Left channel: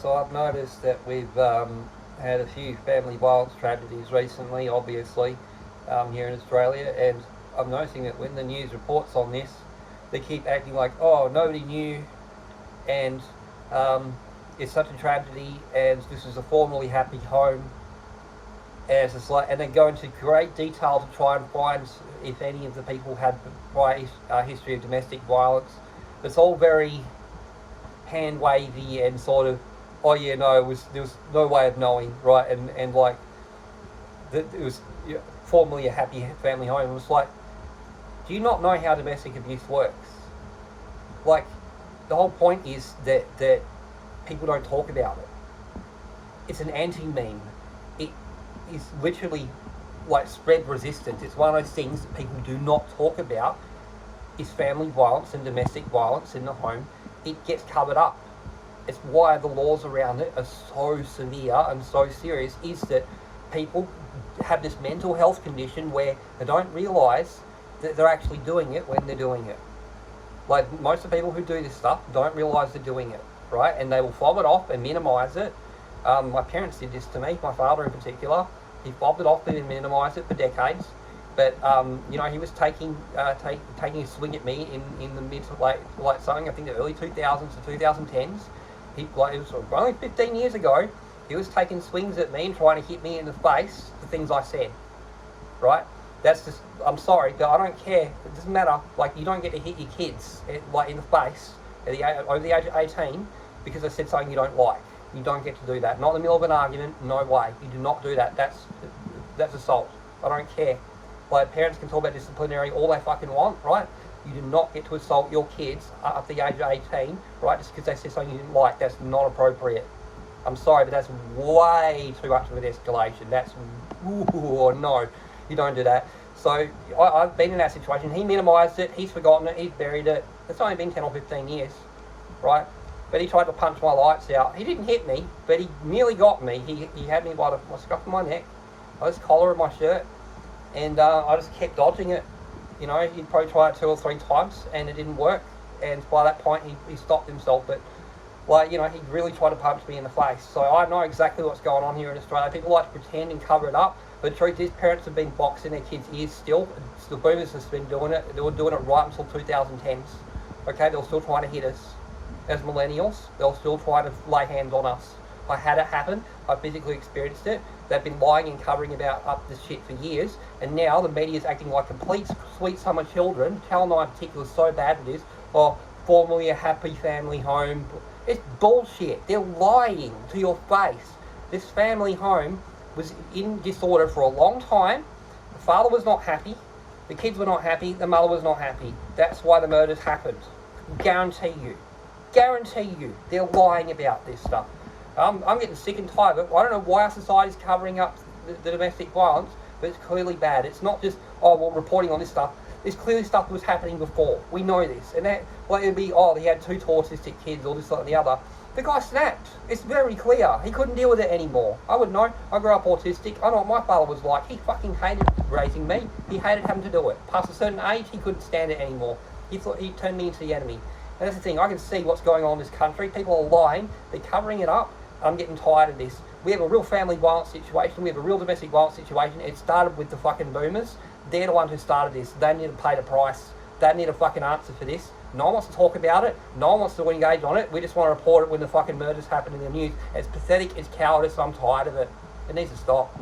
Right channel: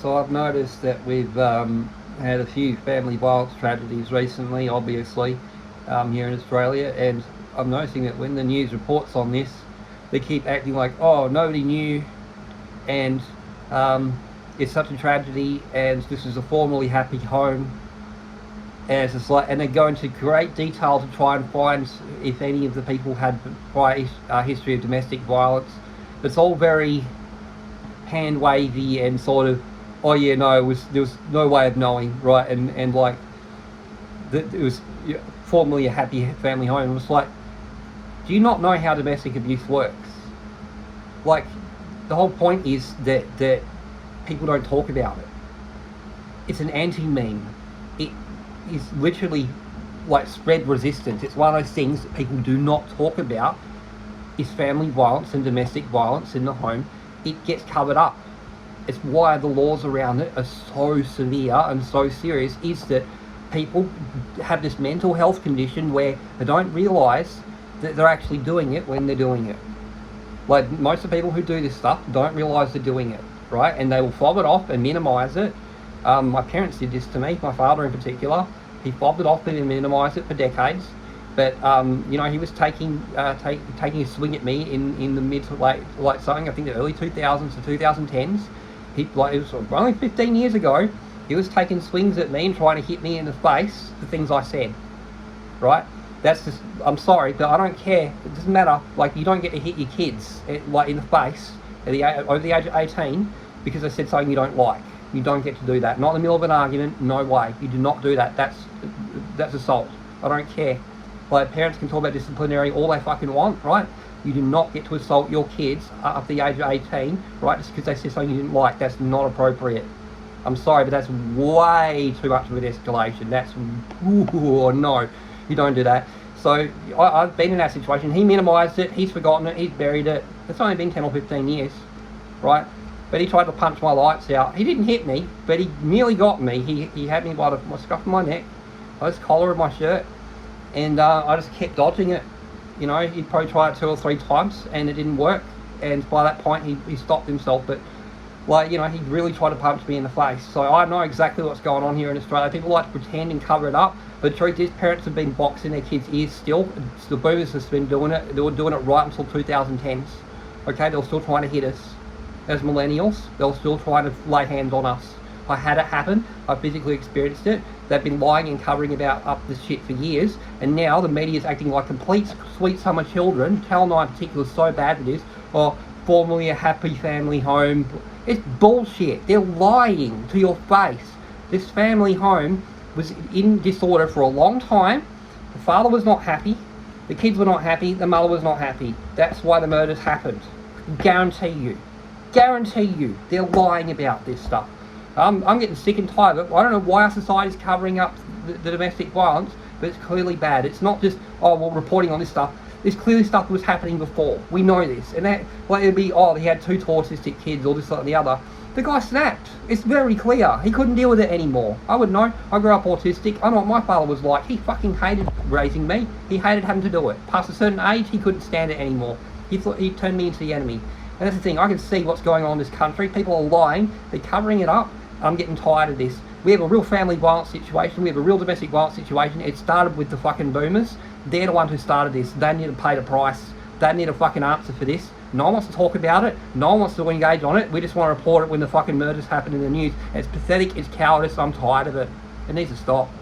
So I've noticed that we've had a few family violence tragedies recently, obviously, here in Australia, and I'm noticing that when the news reports on this, they keep acting like, oh, nobody knew, and um, it's such a tragedy, and this is a formerly happy home, and it's just like, and they go into great detail to try and find if any of the people had prior history of domestic violence. It's all very hand wavy and sort of, oh yeah, no, there was no way of knowing, right? And like, it was formerly a happy family home. It was like, do you not know how domestic abuse works? Like, the whole point is that people don't talk about it. It's an anti-meme. It is literally like spread resistant. It's one of those things that people do not talk about. Is family violence and domestic violence in the home. It gets covered up. It's why the laws around it are so severe and so serious, is that people have this mental health condition where they don't realise that they're actually doing it when they're doing it. Like, most of the people who do this stuff don't realise they're doing it, right? And they will fob it off and minimise it. My parents did this to me, my father in particular. He fobbed it off and minimised it for decades. But he was taking a swing at me in the mid to late something, I think the early 2000s to 2010s. It was only 15 years ago. He was taking swings at me and trying to hit me in the face for things I said. Right? That's just, I'm sorry, but I don't care. It doesn't matter. Like, you don't get to hit your kids in the face over the age of 18 because they said something you don't like. You don't get to do that. Not in the middle of an argument. No way. You do not do that. That's assault. I don't care. Like, parents can talk about disciplinary all they fucking want, right? You do not get to assault your kids up to the age of 18, right? Just because they said something you didn't like. That's not appropriate. I'm sorry, but that's way too much of an escalation. That's, no, you don't do that. So I've been in that situation. He minimised it. He's forgotten it. He's buried it. It's only been 10 or 15 years, right? But he tried to punch my lights out. He didn't hit me, but he nearly got me. He had me by the scruff of my neck, by this collar of my shirt. And I just kept dodging it. You know, he'd probably try it 2 or 3 times and it didn't work. And by that point, he stopped himself. But, he really tried to punch me in the face. So I know exactly what's going on here in Australia. People like to pretend and cover it up. But the truth is, parents have been boxing their kids' ears still. The boomers have been doing it. They were doing it right until 2010s. Okay, they were still trying to hit us. As millennials, they were still trying to lay hands on us. I had it happen. I physically experienced it. They've been lying and covering up this shit for years, and now the media is acting like complete sweet summer children. Channel 9 in particular is so bad for this. Or formerly a happy family home. It's bullshit. They're lying to your face. This family home was in disorder for a long time. The father was not happy. The kids were not happy. The mother was not happy. That's why the murders happened. Guarantee you. They're lying about this stuff. I'm getting sick and tired of it. I don't know why our society's covering up the domestic violence, but it's clearly bad. It's not just, reporting on this stuff. There's clearly stuff that was happening before. We know this. And that, it'd be, he had 2 autistic kids, or this, that, and the other. The guy snapped. It's very clear. He couldn't deal with it anymore. I would know. I grew up autistic. I know what my father was like. He fucking hated raising me. He hated having to do it. Past a certain age, he couldn't stand it anymore. He thought he turned me into the enemy. And that's the thing. I can see what's going on in this country. People are lying. They're covering it up. I'm getting tired of this. We have a real family violence situation. We have a real domestic violence situation. It started with the fucking boomers. They're the ones who started this. They need to pay the price. They need a fucking answer for this. No one wants to talk about it. No one wants to engage on it. We just want to report it when the fucking murders happen in the news. It's pathetic. It's cowardice. I'm tired of it. It needs to stop.